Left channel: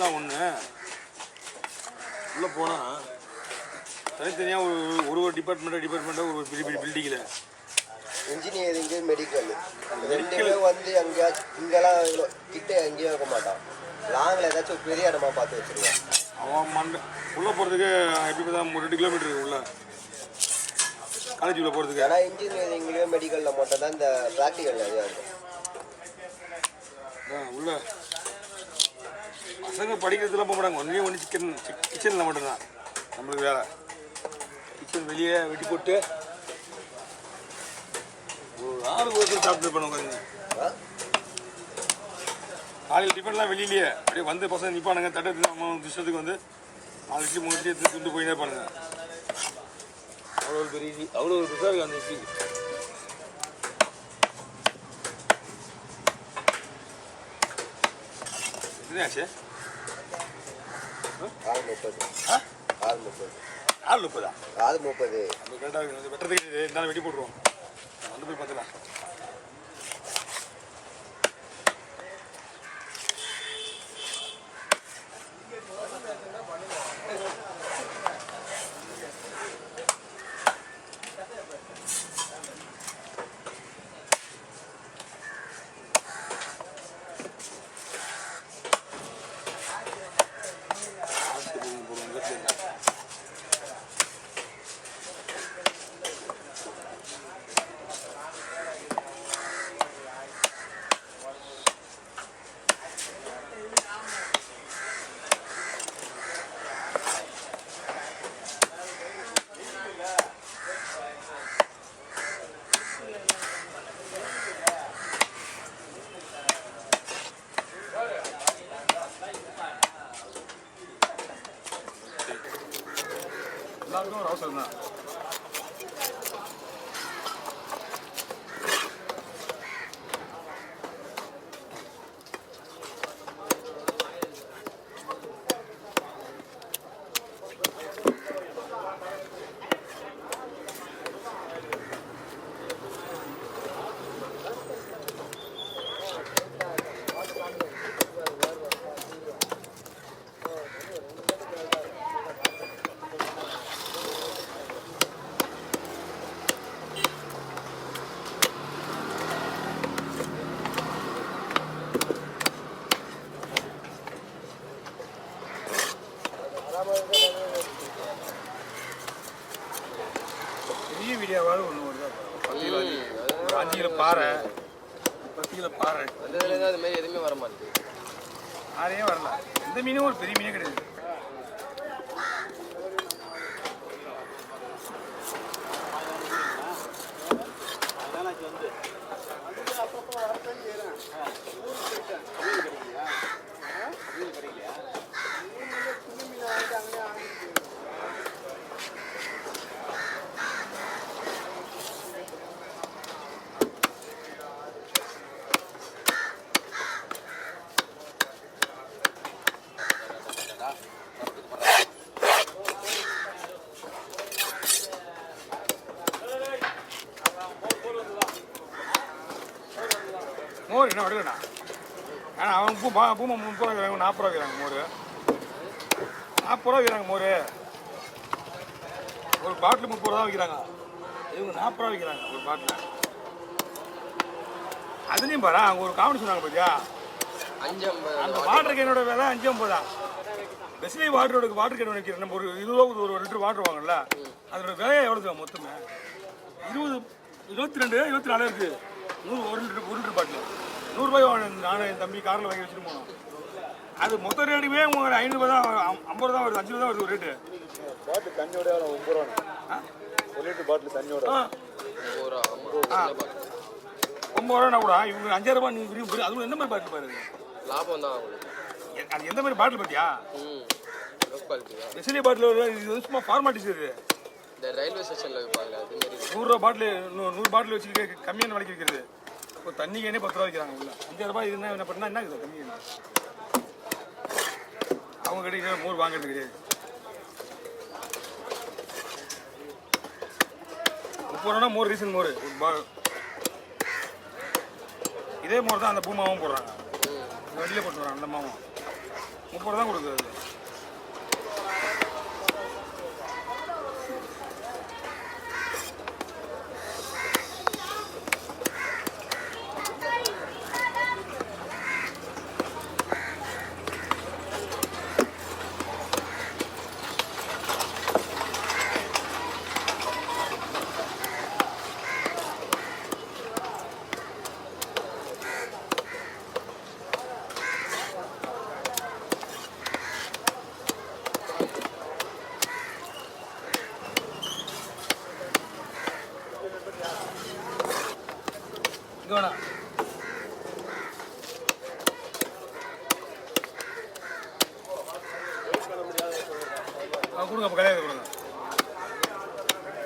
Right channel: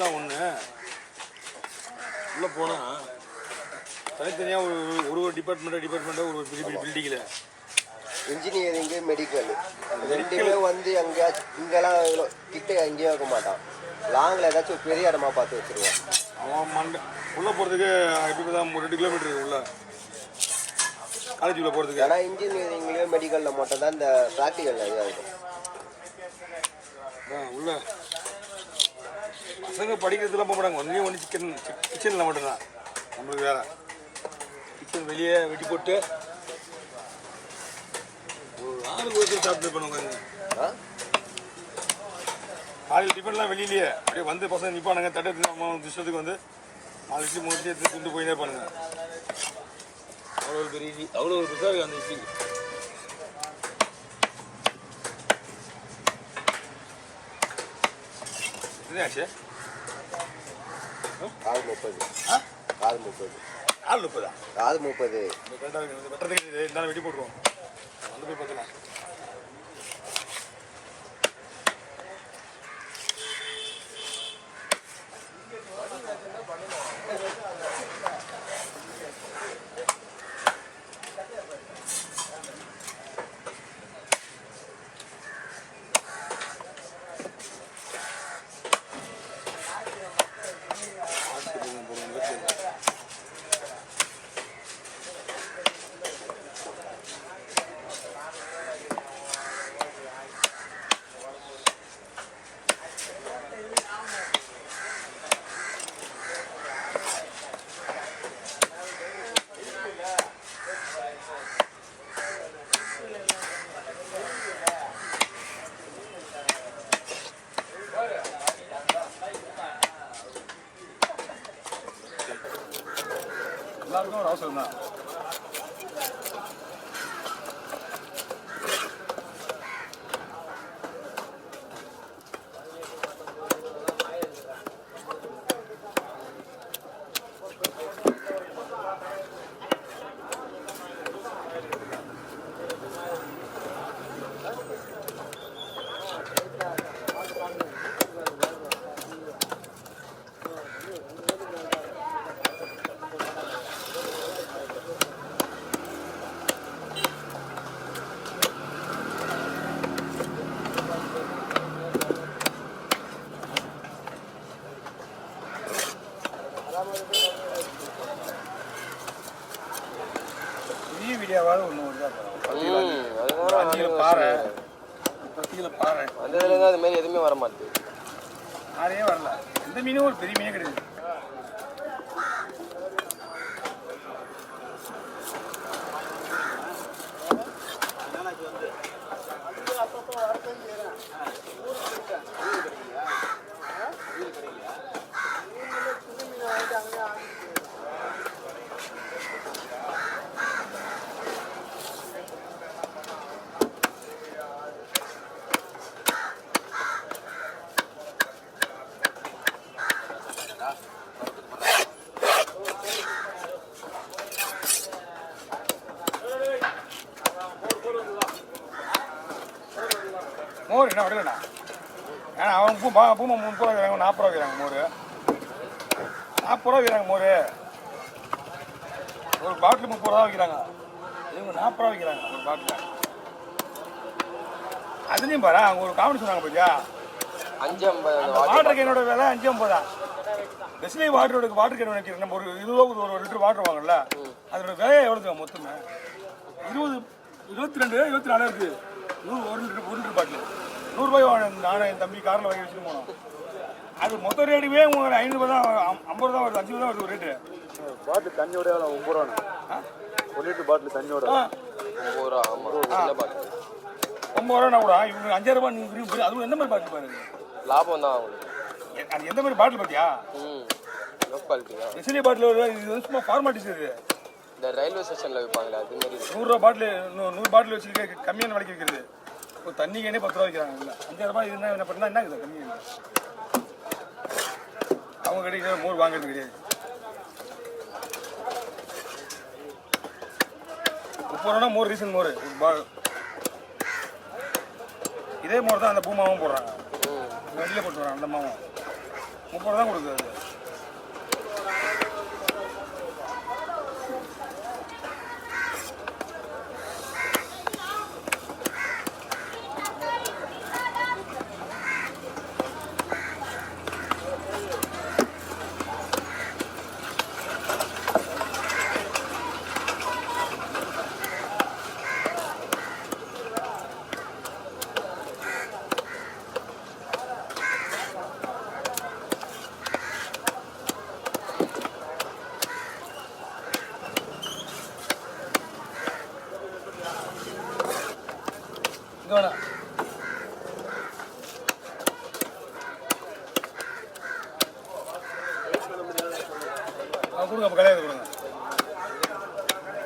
தான் ஒன்று உள்ளே போனால் தனித்தனியாக ஒரு டிபார்ட்மெண்ட்டாக ஒரு பெரிய பெரிய பில்டிங்கில் இன்ஜினியரிங்கு மெடிக்கல் வந்து எங்கேயா இங்கெல்லாம் கிட்ட எங்கேயும் இருக்க மாட்டான். லாங்கில் ஏதாச்சும் ஒரு பெரிய இடமா பார்த்து வச்சுருவேன். அவன் உள்ளே போகிறதுக்கு எப்படி தான் 2 கிலோமீட்டருக்கு உள்ள காலேஜுக்குள்ளே போகிறதுக்கு. ஆனால் இன்ஜினியரிங்லேயும் மெடிக்கலில் மட்டும் தான் இந்த ப்ராக்டிக்கல் நிறையா இருக்கும். உள்ள பசங்க படிக்கிறதுலாம் போக மாட்டாங்க. ஒன்று கிச்சனில் மட்டும்தான் நம்மளுக்கு வேலை. கிச்சன் வெளியே வெட்டி போட்டு ஒரு 6 பேருக்கு சாப்பிட்டு பண்ணுவாங்க. காலையில் டிஃபன்லாம் வெளியிலேயே அப்படியே வந்து பசங்க நிற்பானுங்க. தட்டத்துக்கு அம்மா இஷ்டத்துக்கு வந்து 4 இட்லி 3 இட்லி எடுத்து கொண்டு போயிட்டே இருப்பானுங்க. அவ்வளோ ஒரு பெரிய இட்லி, அவ்வளோ ஒரு பெருசாக இருக்குது அந்த இட்லி. எத்தனையாச்சு? 4:30. 4:30 கரெக்டாக வெட்டுறதுக்கு இருந்தாலும் வெட்டி போட்டுருவோம். வந்து போய் பார்த்துலாம். எல்லாருக்கும் ஒரு அவசரம் தான். பெரிய வீடியோவாவது ஒன்று வருதான் 5 கிலோ பாறை 10 கிலோ பாறை அந்த அது மாதிரி எதுவுமே வர மாட்டேங்குது. யாரையும் வரல. எந்த மீனும் ஒரு பெரிய மீனே கிடையாது. அப்பப்போ என்ன விடலண்ணா. ஏன்னா அவன் பூமா 30 ரூபா விற்கிறாங்க, 40 ரூபா விற்கிறாங்க மோர். 40 ரூபா விற்கிறாங்க மோர். ஒரு பாட்டில் 30 ரூபா விற்கிறாங்க. இவங்க 40 ரூபா விற்கிறாங்க ஒரு பாட்டில். அதுலேயும் பாரு அவங்க ஒரு காமெடி சொன்னாங்க பார்த்தியா, 5.50 வாட்டர் கேனோட விலை 5.50 தான். பெஸ்லி வாட்டர் கேன் வைக்கிற நம்ம ஒரு 20 ரூபா ஒரு லிட்டர் வாட்டர் வாங்கல, அதோட விலை எவ்வளோ மொத்தமே 22-24 இருக்கு. 1 லிட்டர் பாட்டில் 100 ரூபாய். நானும் என் தம்பி காரில் வாங்கி வச்சுட்டு போனோம். அது மொத்த ரேட்டுமே உங்களுக்கு 5 ரூபா தான், 50 ரூபா வருது, 5 ரூபா தான் வருது ஒரு ரேட்டு. பாட்டில் தண்ணியோட 9 ரூபா. 1 லிட்டர் பாட்டில் தண்ணியோட 9 ரூபா. ஆமாம், சின்ன பாட்டில் 9 ரூபானா கூட இவங்க 5 ரூபா. நீங்கள் அதுவும் எந்த மாதிரி பாட்டில் பாருங்க, லாபம் தான் அவங்களுக்கு. அது எந்த மாதிரி பாட்டில் பார்த்தியா, லோ குவாலிட்டி தான். பெஸ்லி பாட்டில் இது வந்து சும்மா ஃபார்மாலிட்டிஸ் இது. இந்த ரயில்வே ஸ்டேஷனில் விற்பாங்களே அது மாதிரி 100 ரூபா பாட்டில் 100 பாட்டில் வச்சு கம்மியான விலைக்கு விற்கிறது. இப்போ தண்ணி கேனே 10 ரூபா விற்கிறாங்க. இல்லை 5 ரூபாய் இருந்தால் என்ன பண்ணால் என்ன இருக்குது கம்மி. அவங்க கிடைக்கிற மோர் வாங்குறது கிடையாது. 30 ரூபா மோர், ரீசன் மோர். இதே மோர் தான் அந்த பூமாவும் போடுறாங்க, வெளியில் போட்டு வராங்க. அந்த மாவும் 30 ரூபா தான் கொடுக்குது. அது வேணாம் கொடுங்க, அப்போ கல்யாணத்தை கொடுங்க.